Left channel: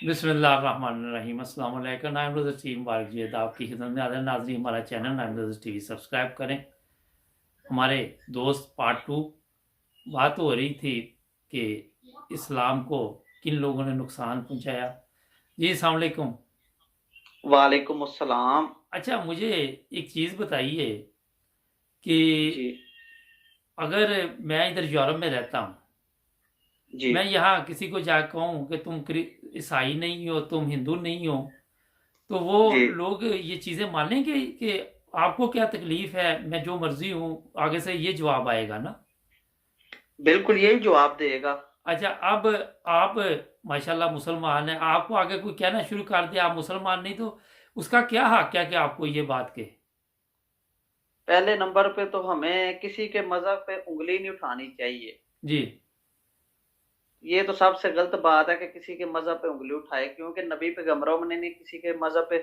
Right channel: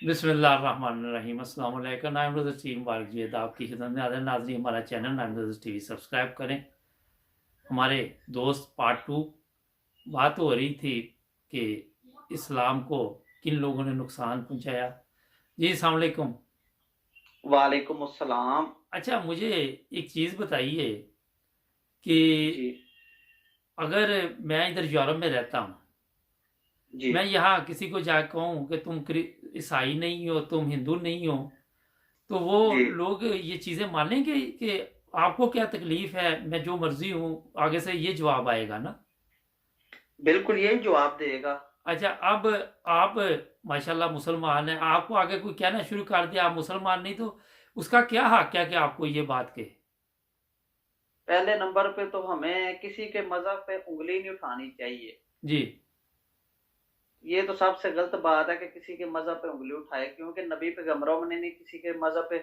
बिस्मिल्लाहिर्रहमानिर्रहीम। अस्सलाम वालेकुम। नाइम रज़ा टीवी मुबारक जी आपकी खिदमत में हाज़िर नाज़रीन, हमारा चैनल नाइम रज़ा टीवी सब्सक्राइब करें। हमारे दोस्त पार्ट 2 बात हो रही थी कि इस्लाम को किन लोगों ने नुकसान पहुंचाया। जी अस्सलाम वालेकुम। वालेकुम अस्सलाम। अच्छा, मुझे एक चीज़ बताइए कि जी, अगर मैं इधर यूरोप में रहता हूँ, जी, मैं यहाँ किसी को जा कहूँ कि तुम ईसाई नहीं हो, तुम हिंदू नहीं हो, तो वो जी। लोग ये चीज़ें मानेंगे कि आपको क्या तकलीफ है, मैं जो मर्जी हूँ, आगे से ये जवाब आएगा ना। बिल्कुल यही जवाब देगा। अच्छा, अब आप माशाल्लाह मुसलमान हैं, आपको आगे कोई कहना शुरू कर दिया आप मुसलमान नहीं, तो उसका क्या हक है कि आपको ये बात कहे। पहले नंबर पे तो हमें किसी के मज़हब पे उँगली नहीं उठानी चाहिए। जी, ये तो सबसे गलत बात है कि किसी के मज़हब पे उँगली उठाए, क्योंकि नबी पैगम्बरों ने नहीं किसी के मज़हब पे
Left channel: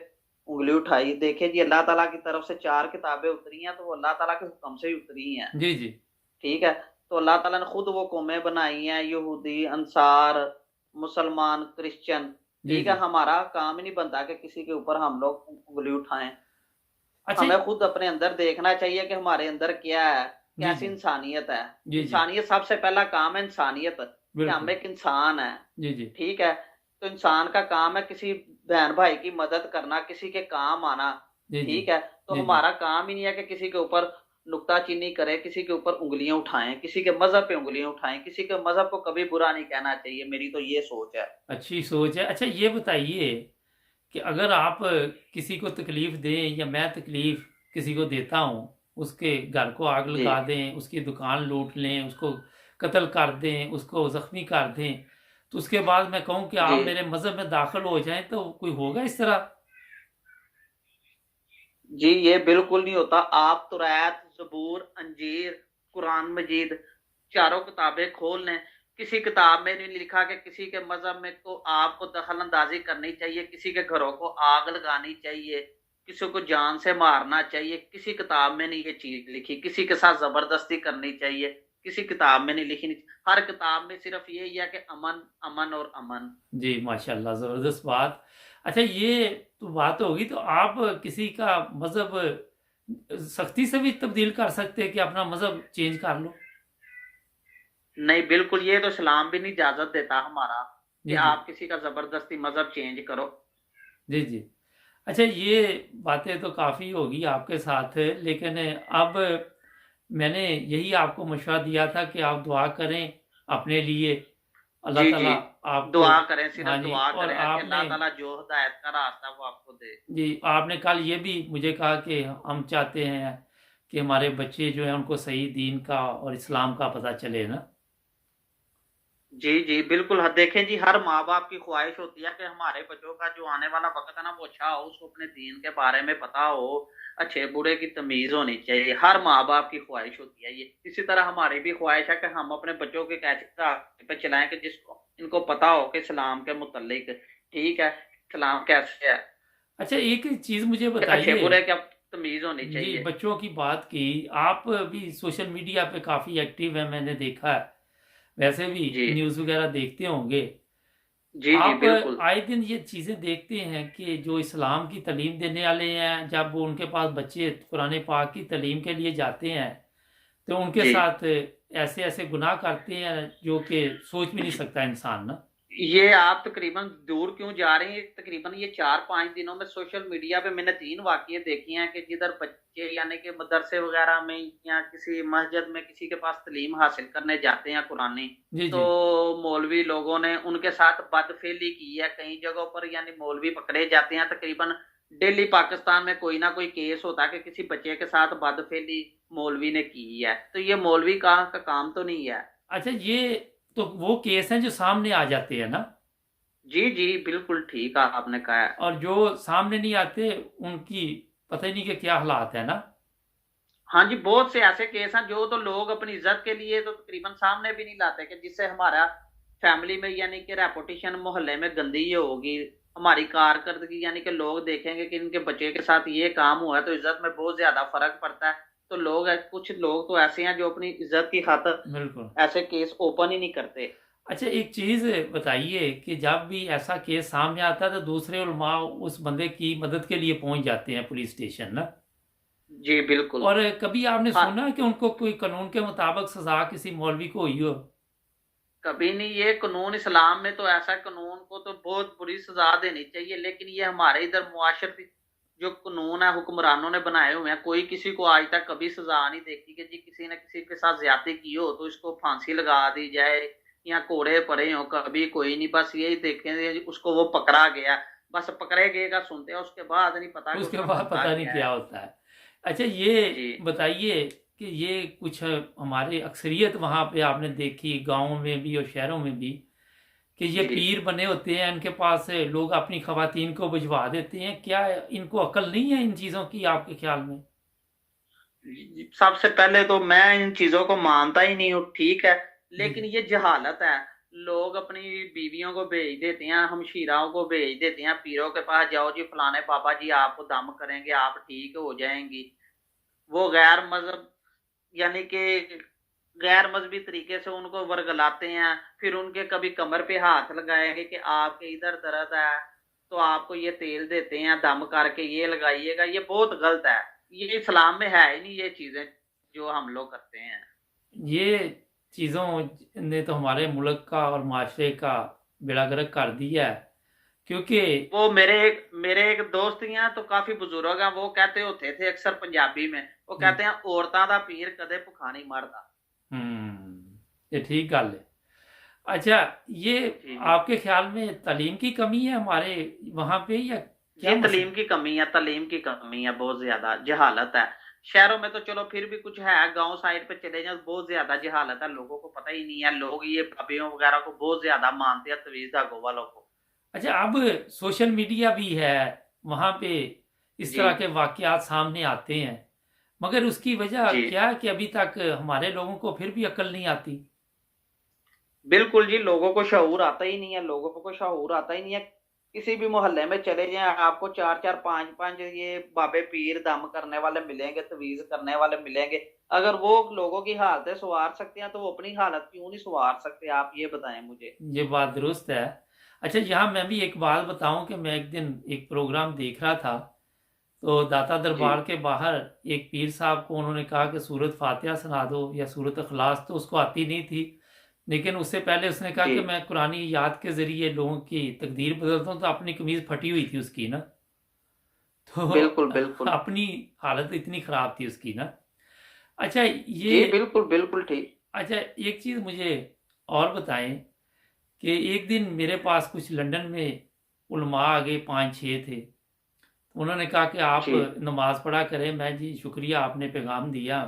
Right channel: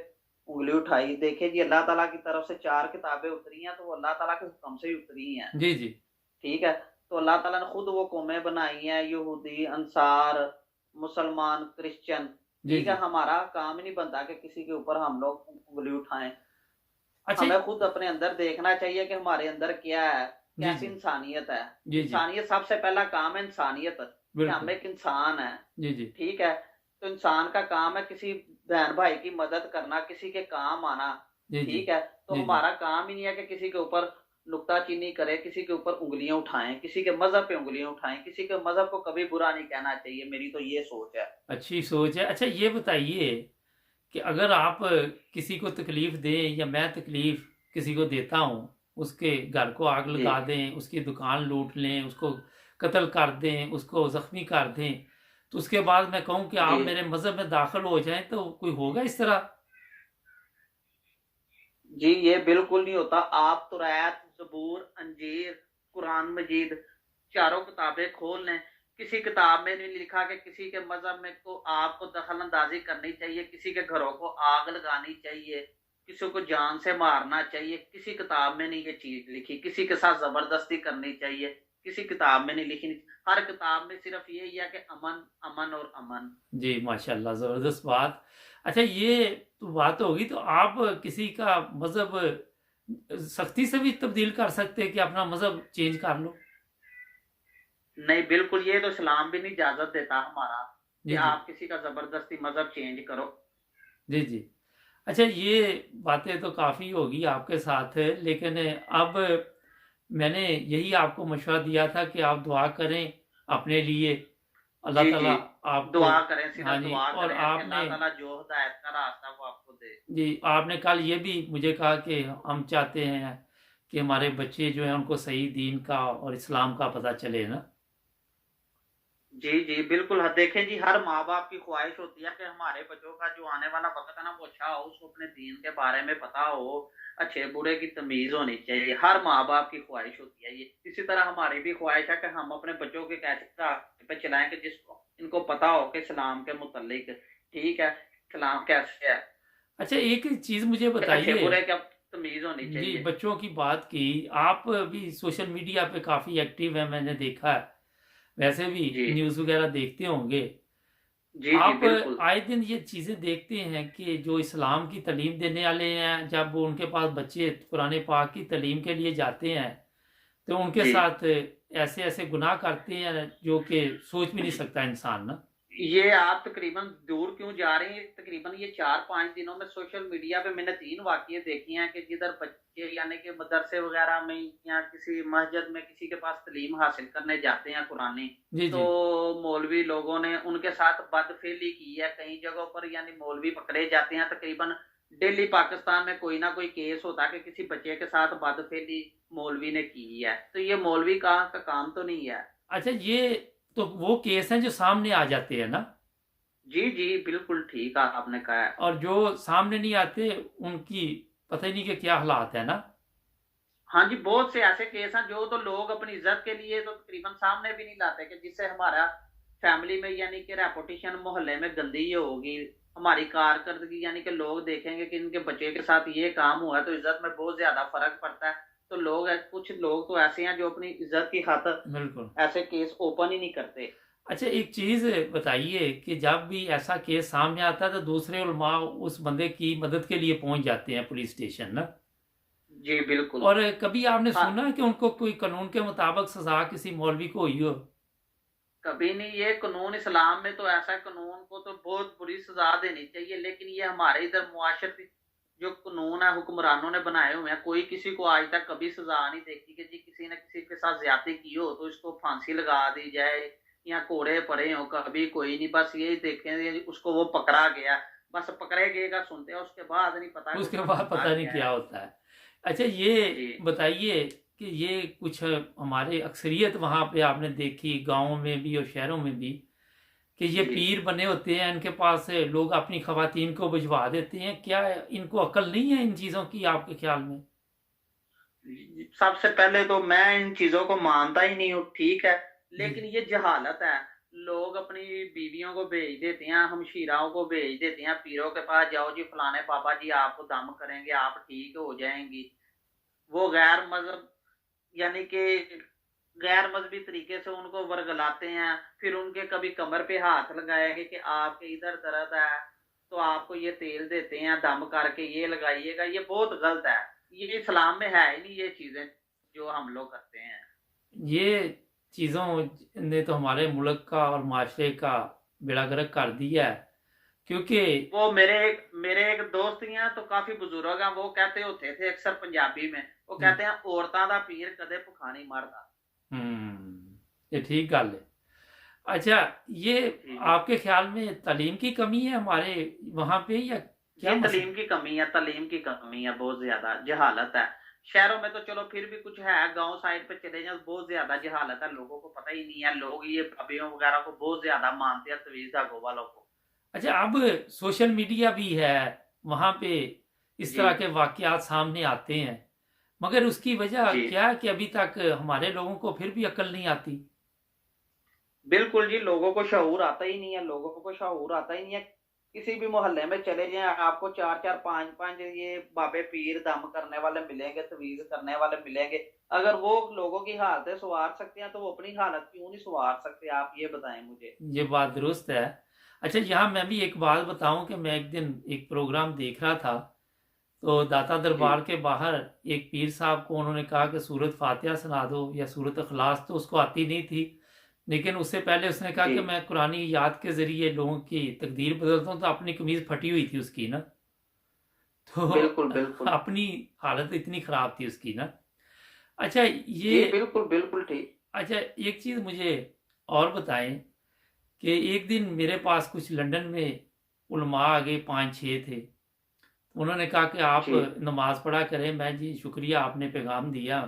उँगली उठाई। देखिए जी, अल्लाह ताला की तरफ से 4 किताबें उतरी हैं, तो वो अल्लाह ताला के हुक्म से ही उतरी हैं। जी, जी, ठीक है? तो अल्लाह ताला ने खुद वो कौमें बनाई हैं, यहूदी, अंसार, मुसलमान, क्रिश्चियन। जी, ठीक है? जी। हमारा काम ही नहीं बनता कि किसी के ऊपर हम लोग उँगली उठाएँ। अच्छा। हमें खुद अपने अंदर देखना चाहिए कि हमारे अंदर क्या है, जी, कैसी जी, इंसानियत है। जी, जी, इंसानियत सबसे पहला काम है इंसानियत, कि हम बिल्कुल। एक इंसान हैं, जी, जी, ठीक है? तो इंसान का काम है किसी बहन-भाई की मदद करना, किसी के काम आना, जी, जी, ठीक है? तो जी, जी। हमारा काम ही नहीं है कि किसी के ऊपर नुक्ताचीनी करें, किसी के ऊपर उँगलियाँ उठाएँ, किसी के मज़हब पे उँगलियाँ उठाएँ, किसी के मज़हब को कभी बुरा नहीं कहना चाहिए, मेरी तो ये सोच है। अच्छी सोच है। अच्छा, ये बताइए कि अगर आप किसी को तकलीफ़ दें या मैं तकलीफ़ किसी को देता हूँ, उसके घर को आग जी। लगा दें, उसकी दुकान लूट लें, उसको कत्ल कर दें, उसको ज़ख्मी कर दें, तो उसके बाद मैं कहूँ कि जी। आप मेरे मज़हब में दाखिल हो जाएँ, तो कोई होगा इस तरह? जी, ये बिल्कुल नहीं होता। आप तुरैत, ज़बूर, अंजीर, कुरान मजीद चारों किताबें खोल लें। किसी किताब में नहीं लिखा कि किसी के मज़हब में को आपको दखल-अंदाज़ी करनी चाहिए, किसी के घरों को आग लगानी चाहिए, किसी को जान से मारना चाहिए। किसी किताब में नहीं ये चीज़ लिखी। किसी के साथ ज़बरदस्ती करनी चाहिए, किसी किताब में नहीं लिखी। हर किताब में सिर्फ़ यही है कि अमन, अमन और अमन। जी, माशाअल्लाह, ज़बरदस्त बात। अच्छा, ये तो बात होगी, तो आप किसी का मज़हब सख्ती से भी तब्दील कर सकते हैं कि अपना मज़हब चेंज कर लो? नहीं, बिल्कुल ये तो इस्लाम भी नहीं इजाज़त देता हमारा कि जी, जी। आप किसी का ज़बरदस्ती मज़हब चेंज करो। जी, जी। अच्छा, ये बातें तो काफ़ी होगी आपके साथ, लेकिन अब मैंने यही आपको मशवरा दिया था कि आप दुआ करें अपने लिए, अल्लाह जी, ताला जी। आपको। दुआ करें, हाँ सिर्फ़ जी, दुआ और करें कि आपने अल्लाह ताला जो हिदायत का रास्ता है वो आपको दे। जी, आपने कल ये भी मुझे कहा कि हम चाहते हैं कि हमारे बच्चे जो हैं उनको सही दीन का और इस्लाम का पता चले ना? जी, जी, बिल्कुल। ह देखें जी, हर माँ-बाप की ख़्वाहिश होती है कि हमारे बच्चों का जो आने वाला वक़्त है ना, वो अच्छा हो, उसको अपने दीन के बारे में पता हो, अच्छे-बुरे की तमीज़ होनी चाहिए। हर माँ-बाप की ख़्वाहिश होती है ये। इसी तरह हमारी भी ख़्वाहिश है कि हम अपने बच्चों को एक ऐसे रास्ते पे चलाएँ कि जिसको इनको पता हो कि इस्लाम के मुतल्लिक, ठीक है, इस्लाम कैसे है, अच्छा, एक चीज़ मुझे कि बताइए। अच्छे-बुरे की तमीज़ होनी जी, चाहिए। बच्चों की बात की, आप भी सोशल मीडिया पे काफ़ी एक्टिव हैं, मैंने देखा है। वैसे भी जी। न्यूज़ वगैरह देखते होंगे। जी, जी, आप बिल्कुल। आए दिन ये चीज़ें देखते हैं कि जो इस्लाम की तालीम देने वाले हैं, जब वो उनके पास बच्चे कुरान पाक की तालीम के लिए जाते हैं, तो उनके जी। साथ ऐसे-ऐसे गुनाह करते हैं जो कि सोच भी नहीं सकता इंसान ना। ये आप तकरीबन दूर क्यों जा रही हैं? तकरीबन ये 4-5 दिनों में सोशल मीडिया पे मैंने 3 वाक़ये देखी हैं कि जिधर बच्चे यानी कि मदरसे वग़ैरह में या किसी मस्जिद में किसी के पास तालीम हासिल करने जाते हैं कुरानी, जी, जी। तो मौलवी लोगों ने उनके साथ बदफ़ेली की है। कई जगहों पर यानी मौलवी पकड़े जाते हैं, तकरीबन डेली पाकिस्तान में कोई ना कोई केस होता है कि किसी बच्चे के साथ बदफ़ेली मौलवी ने की है। तो ये मौलवी का काम तो नहीं है। अच्छा, ये तो वो केस हैं जो सामने आ जाते हैं ना? जी, जी, बिल्कुल ठीक आपने कहा है। और जो सामने नहीं आते उनकी पता ही नहीं कि क्या हालात है ना? हाँ जी, बहुत से ऐसे केस हैं जो तो लोग अपनी इज़्ज़त के लिए तो तकरीबन सामने भी नहीं लाते, कि जिससे हमारा फैमिली में यानी कि रेपुटेशन मोहल्ले में गंदी होगी, हमारी कारकर्दगी यानी कि लोग देखेंगे कि इनके बच्चे के साथ ये काम हुआ है, तो इज़्ज़त में बहुत ज़्यादा फ़र्क पड़ता है। तो लोग कुछ लोग तो ऐसे हैं जो अपनी इज़्ज़त की खातिर बिल्कुल। ऐसे केस ओपन ही नहीं करते। अच्छा, एक चीज़ बताइए कि जब भी ऐसा केस सामने आता है तो दूसरे उलमा उस बंदे की मदद के लिए पहुंच जाते हैं पुलिस स्टेशन ना। जी बिल्कुल। और कभी आपने हाँ, सुना कि उनको कोई कानून के मुताबिक सजा किसी मौलवी को हुई हो? कभी नहीं। ये कानून इस्लाम में तो ऐसा, कानून को तो बहुत बुरी सजा देनी चाहिए, लेकिन ये हमारे इधर मुआशरती जो कानून है हुक्मरानों ने बनाए हुए हैं, कोई किसी को आज तक कभी सजा नहीं देखी कि जी किसी ने किसी के साथ ज्यादती की हो तो इसको फांसी लगा दी जाए या कोड़े पड़े हो, कभी कोई नहीं। बस यही देखेंगे जी उसको वो पकड़ा गया, बस पकड़े गए का सुनते हैं, उसके बाद नहीं पता कि उसके उसने बाद होता पता नहीं क्या क्या है। होता है। अच्छा, ये जी बताइए कि ये कुछ हमारे अक्सरियत वहाँ पे आपने देखी गाँव में भी और शहरों में भी कि ये जी पीर बने होते हैं, इनके पास लोग अपनी खवातीन को भिजवा देते हैं। क्या इनको अकल नहीं है इन चीज़ों की आपके ख्याल में? सबसे पहले तो मैं इन चीजों को मानता ही नहीं हूँ, ठीक है, जी। लेकिन ये जहालत है। लोग अपनी बीवियों को भेज देते हैं, हमशीराओं को भेज देते हैं पीरों के पास, जाओ जी फलाने बाबा जी आपको दम करेंगे, आप ठीक हो जाएंगी। वो गैर मजहब यानी कि गैर मजहबी तरीके से उनको वर्गलाते हैं, फिर उनके कभी कमर पे हाथ लगाएंगे कि आपके इधर दर्द है तो आपको ये तेल देते हैं दम करके ये लगाइएगा। ये बहुत गलत है, ये इस्लाम में है ही नहीं ये चीजें जो हम लोग करते हैं। ये चीज़ों ने तो हमारे मुल्क का और माशरे का बेड़ा गर्क कर दिया है, क्योंकि वो मेरे एक दोस्त ही हैं तो काफी बुजुर्ग हैं, वो कहते होते थे अक्सर पंजाबी में, वो जी। कहते हैं औरतां दा पीर कदे भुखा नहीं मरदा। ये ठीक गल है। अच्छा, ये जी जी। आपके ख्याल में तालीम की कमी है हमारे वहाँ पे या क्या जी मसला? तालीम की कमी है, तालीम की कमी है, बहुत ज्यादा जहालत है। शहरों में तो चलो फिर भी कुछ है, गांव साइड पे चले जाओ बहुत ज्यादा जहालत है, लोगों को पता ही नहीं है, लोग ये अभियों वगैरह को बहुत ज्यादा मानते हैं, तवीज धागों वालों को। अच्छा, अब सोशल मीडिया भी है, वहाँ पे इस जी तरह के वाक़यात सामने आते हैं, मगर उसकी वजह जी क्या है कि अभी तक हमारे लोगों को फिर भी अकल नहीं आती। बिल्कुल जी, लोगों को शऊर आता ही नहीं है, लोगों को शऊर आता ही नहीं है। किसी भी मोहल्ले में चले जाएं, आपको चार चार पांच पांच ये बाबे पीर दम करने वाले मिलेंगे, तवीज करने वाले मिलेंगे। अगर वो लोगों की हालतें संवार सकते हैं तो वो अपनी हालत क्यों नहीं संवार सकते, आप ये बताएं मुझे। ये बात दुरुस्त है। अच्छा, यहाँ मैं भी एक बात बताऊं कि मैं एक दिन एक प्रोग्राम देख रहा था, तो दाता जी दरबार के बाहर एक पीर साहब को उन्होंने कहा कि सूरत फातिहा सुना दो या सूरत अखलास, तो उसको आती नहीं थी, लेकिन उससे पहले उसने कहा जी कि मैं कुरानी याद के ज़रिए लोगों की तकदीर बदलता हूँ, तो अपनी कमीज़ फटी हुई थी उसकी ना। तो बिल्कुल बिल्कुल। अपनी हालत इतनी ख़राब थी उसकी ना। अच्छा ये जी बिल्कुल बिल्कुल ठीक। अच्छा, एक चीज़ मुझे और बताएं कि एक दिन मेरे पास कुछ लंदन में उलमा आ गए, 5-6 थे। उन्होंने कहा कि आप जी नमाज़ पढ़ा करें। मैं जी शुक्रिया, आपने पैगाम दिया।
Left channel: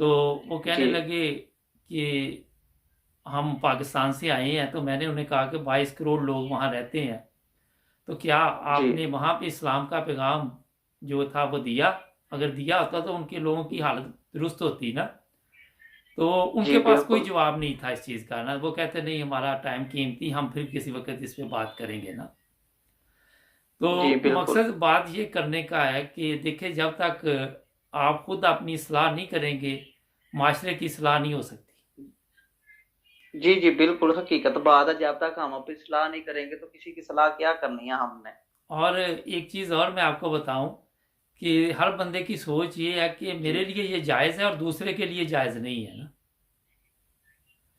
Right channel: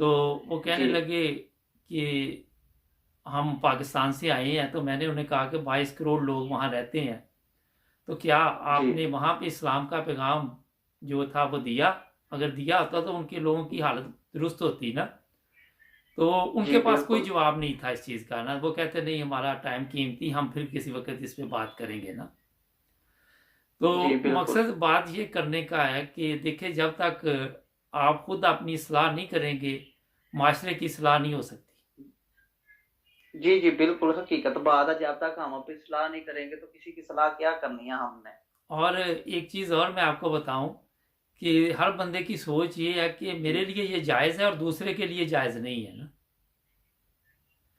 तो वो कहने जी लगे कि हम पाकिस्तान से आए हैं। तो मैंने उन्हें कहा कि 22 करोड़ लोग वहाँ रहते हैं, तो क्या जी आपने वहाँ पे इस्लाम का पैगाम जो था वो दिया? अगर दिया होता तो उनके लोगों की हालत दुरुस्त होती ना। तो जी उनके पास कोई बिल्कुल। जवाब नहीं था इस चीज़ का ना। वो कहते नहीं, हमारा टाइम कीमती, हम फिर किसी वक्त इस पे बात करेंगे ना। जी तो बिल्कुल। मकसद बात ये करने का है कि देखिए, जब तक आप खुद अपनी सलाह नहीं करेंगे, माशरे की सलाह नहीं हो सकती। जी जी बिल्कुल, हकीकत बात है, जब तक हम अपनी सलाह नहीं करेंगे तो किसी की सलाह क्या करनी है हमने। और एक चीज़ और मैं आपको बताऊं कि हर बंदे की सोच ये है कि जी मेरे लिए ये जायज़ है और दूसरे के लिए जायज़ नहीं है ना।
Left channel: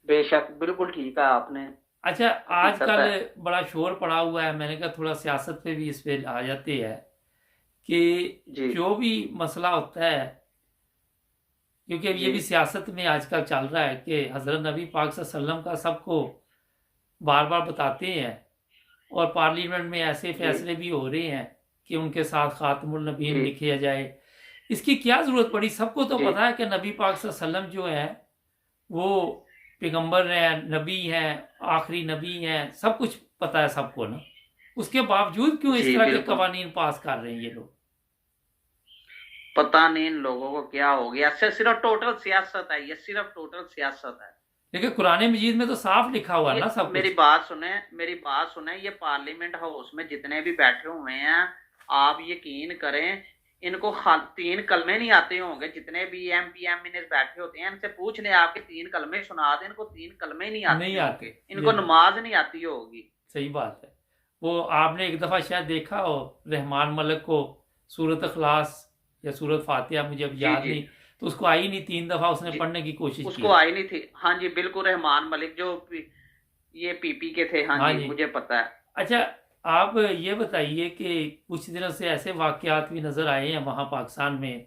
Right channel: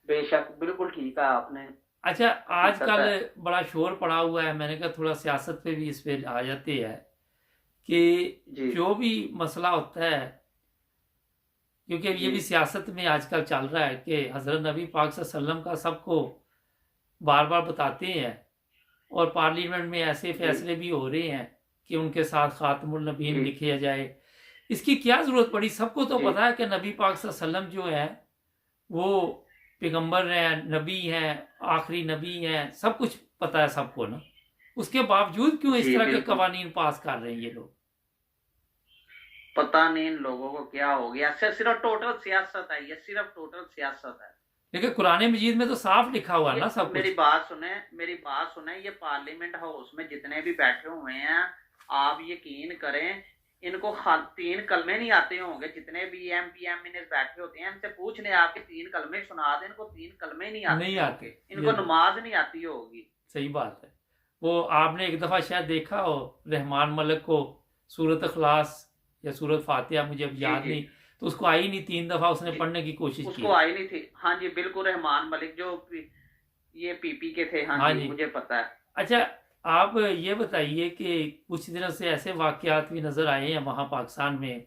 बेशक बिल्कुल ठीक है आपने। अच्छा, हकीकत आजकल है। बड़ा शोर पड़ा हुआ है, मैंने कहा थोड़ा सियासत पे भी इस पे आ जाते हैं कि जी जो भी मसला होता है, क्योंकि अब ये जी भी सियासत में आजकल चल रहा है कि हज़रत नबी पाक सल्लल्लाहु अलैहि वसल्लम का सबको बार बार बताते हैं, और पार्लियामेंट में ऐसे जी फैसले भी हो रहे हैं कि उनके साथ खातमुल नबीन जी लिखे जाए। इसकी क्या ज़रूरत पड़ी? सबको तो जी पता है कि नबी पाक सल्लल्लाहु अलैहि वसल्लम जो है वो पैगंबर हैं, नबी हैं, आखिरी नबी हैं, सब कुछ पता है सबको ना। उसके बावजूद क्यों इस जी तरह के बिल्कुल। कवानीन पास कर रहे हैं ये लोग? पता नहीं इन लोगों को क्या हो गया, सिर्फ टोटल सियासत है, ये सिर्फ टोटल सियासत है। लेकिन कुरान मजीद में तो साफ लिखा हुआ है ये ना सब मेरी कुछ। बात सुने, मेरी बात सुने, ये पार्लियामेंट हाउस में जितने भी बैठे हुए हैं, आप यकीन करें इनको 3 कलमे नहीं आते होंगे, जितने भी एमपी एमएनएस बैठे होते हैं, इनसे पूछ लें आपके 3 कलमे सुना दें, इनको 3 कलमे नहीं नहीं आते आते होंगे, ये इनको नमाज नहीं आती होगी। सही बात है। वो आपने एक दफ़ा शायद देखा हो रहमान मलिक को सूरत अखलास या सूरत फातिहा, मुझे अब जी याद जी नहीं, तो उसको आई नहीं, 3 दफ़ा उसने जी, पढ़ने की कोशिश की उसको है। आई नहीं थी। हाँ जी, बिल्कुल रहमान मलिक जो ये पीपी के थे। हाँ हाँ जी, जी। मुझे पता है। अच्छा, आप ये बताइए कि कुछ दिनों से ऐसे वाक़यात भी नज़र आए हैं वहाँ पाकिस्तान में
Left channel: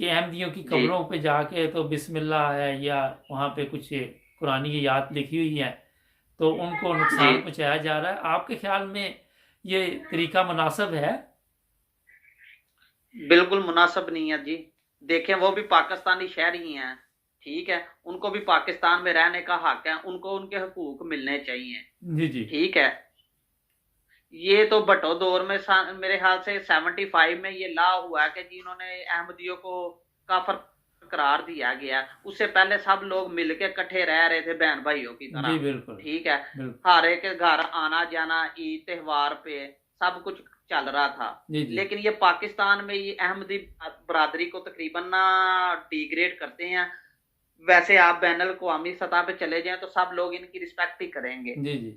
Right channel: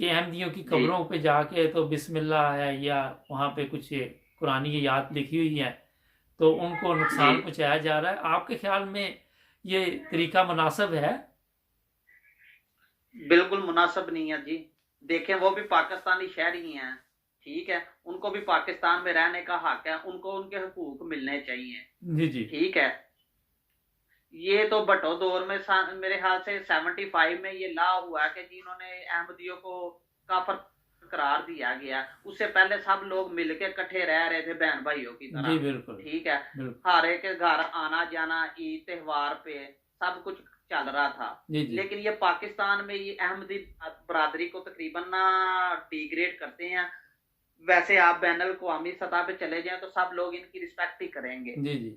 कि अहमदियों की जी कब्रों पे जाके तो बिस्मिल्लाह है या वहाँ पे कुछ कुरानी आयत लिखी हुई है, तो उनको जी, नुकसान पहुँचाया जा रहा है। आपके ख्याल में ये तरीका मुनासिब है? बिल्कुल मुनासिब नहीं है जी। देखें, वो भी पाकिस्तानी शहरी हैं, ठीक है? उनको भी पाकिस्तान में रहने का हक है, उनको उनके हकूक मिलने चाहिए, जी, जी। ठीक है? ये तो भट्टो दौर में मेरे ख्याल से 75 में ये लॉ हुआ कि जी इन्होंने अहमदियों को काफिर करार दिया गया। उससे पहले सब लोग मिलके इकट्ठे रह रहे थे बहन भाइयों की तरह, जी, बिल्कुल, ठीक है? बिल्कुल। हर एक के घर आना जाना, ईद त्योहार पे सब कुछ चल रहा था। जी, जी। लेकिन ये पाकिस्तान में ये अहमदी बरादरी को तकरीबन ना डिग्रेड करते हैं। वैसे आप बैनुल अक़वामी सतह पे चले जाएं तो सब लोग इनकी रिस्पेक्ट ही करेंगे, जी, जी।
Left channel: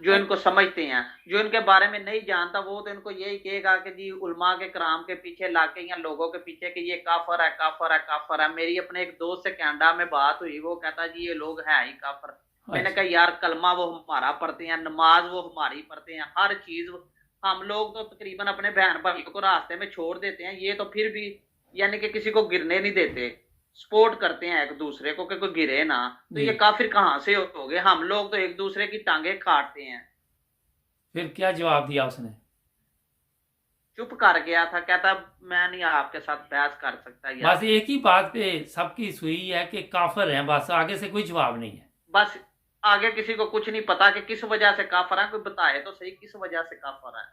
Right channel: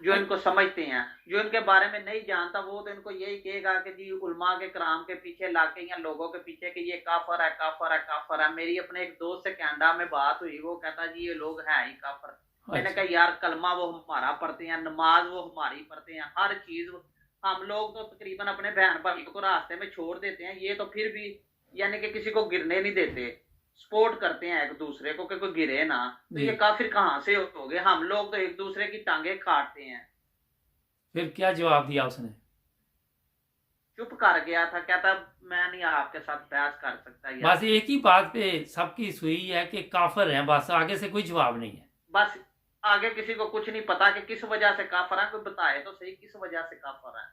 जो अ, इनको समझते हैं। जो इनके बारे में नहीं जानता वो तो इनको यही कहेगा कि जी उलमा के कराम के पीछे लाके या लोगों के पीछे कि ये काफर है, काफर है, काफर है। मेरी अपने एक दोस्त से कनाडा में बात हुई, वो कहता जी ये लोग हैं ही काफर। मैंने अच्छा, कहा यार कलमा वो हमारा पढ़ते हैं, नमाज वो हमारी पढ़ते हैं, हर चीज हम लोग तो तकरीबन अपने बहन भाइयों को रास्ते में छोड़ देते हैं, ये तो फिर भी यानी कि किसी को गिरने नहीं देते, सपोर्ट करते हैं एक दूसरे को कि कोई गिरे ना। तो जी। ये काफिर कहाँ से हो गए? हम लोग तो एक दूसरे की टांगे काटते हैं। फिर क्या जवाब दिया उसने? चुप कर गया था, कहता मैं नहीं आपके साथ बहस कर सकता बस यार। एक ही बात पे सबकी सुई है कि काफ़िर हैं, बस आगे से कोई जवाब नहीं है। बस आगे किसी को कुछ नहीं पता कि किस वजह से काफर है, कोई बताए तो सही किस वजह से काफर है।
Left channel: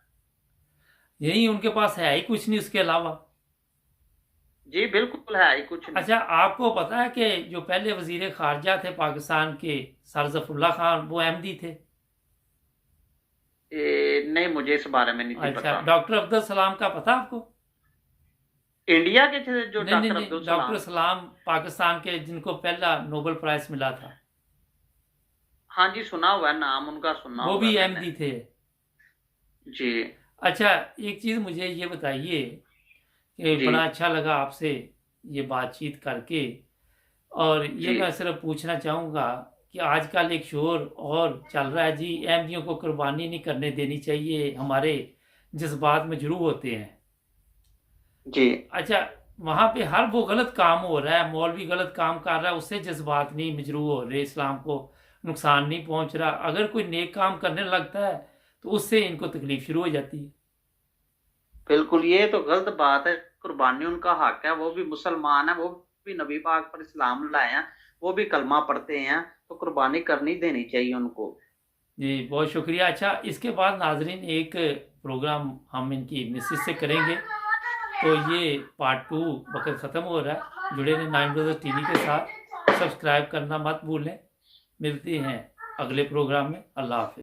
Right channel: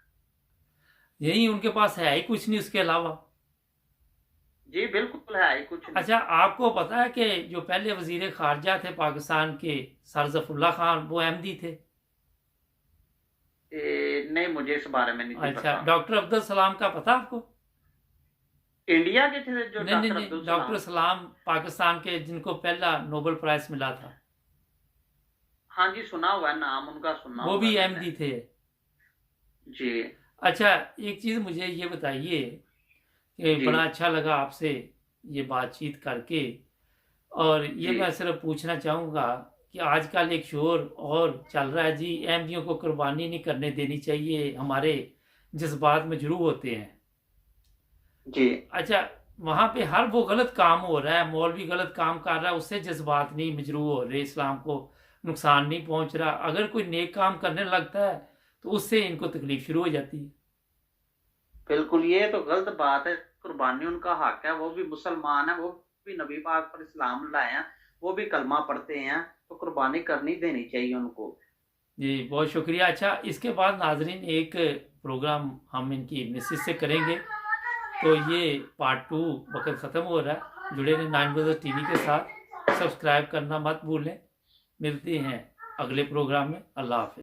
यही उनके पास है ही कुछ नहीं उसके अलावा। जी बिल्कुल है ही कुछ नहीं। अच्छा, आपको पता है कि जो पहले वज़ीर ख़ारिजा थे पाकिस्तान के, सर ज़फ़रुल्लाह खान, वो अहमदी थे? नहीं, मुझे इस बारे में नहीं थी अच्छा, पता। डॉक्टर अब्दुल सलाम का पता आपको? इंडिया के थे जो नहीं, नहीं, डॉक्टर नहीं, अब्दुल डॉक्टर सलाम? सलाम पाकिस्तान के जिनको पहला नोबेल प्राइज़ मिला था, हाँ जी, सुना हुआ है नाम उनका, सुना वो हुआ भी है मैंने। अहमदी थे। जी अच्छा, एक चीज़ मुझे ये बताइए कि जी बड़ा अच्छा लगा आपसे ये बातचीत करके, और ये जी मैं सिर्फ पूछना चाहूँगा कि आजकल एक शोर और चल रहा है जी, अहमदियों को कुर्बानी नहीं करने देनी चाहिए, हमारे जज्बात मजरूह होते हैं। जी अच्छा, वहाँ पे हर वो गलत काम हो रहा है, मौलवी गलत काम कर रहा है, उससे जज्बात नहीं मजरूह हो रहे, इस्लाम को नुकसान नहीं पहुँच रहा। अगर कोई नेक काम करने लगता है तो उससे इनको तकलीफ शुरू हो जाती है। बिल्कुल, ये तो गलत बात है। कुर्बानी उनका हक है, वो भी मुसलमान है, वो भी नबी पाक पर इस्लाम लाए हैं, वो भी कलमा पढ़ते हैं, तो कुर्बानी करनी देनी चाहिए उनको। जी, बहुत शुक्रिया। अच्छा, इसके बाद नाज़रीन एक प्रोग्राम हम इनकी मिसेज से करेंगे, तो ये पार्ट 2 वक़्त ख़त्म हो रहा है। जुड़े रहें नाइन ब्रदर्स टीवी के साथ, सब्सक्राइब करना मत भूलें। मिलते हैं अगले प्रोग्राम में। अल्लाह हाफ़िज़।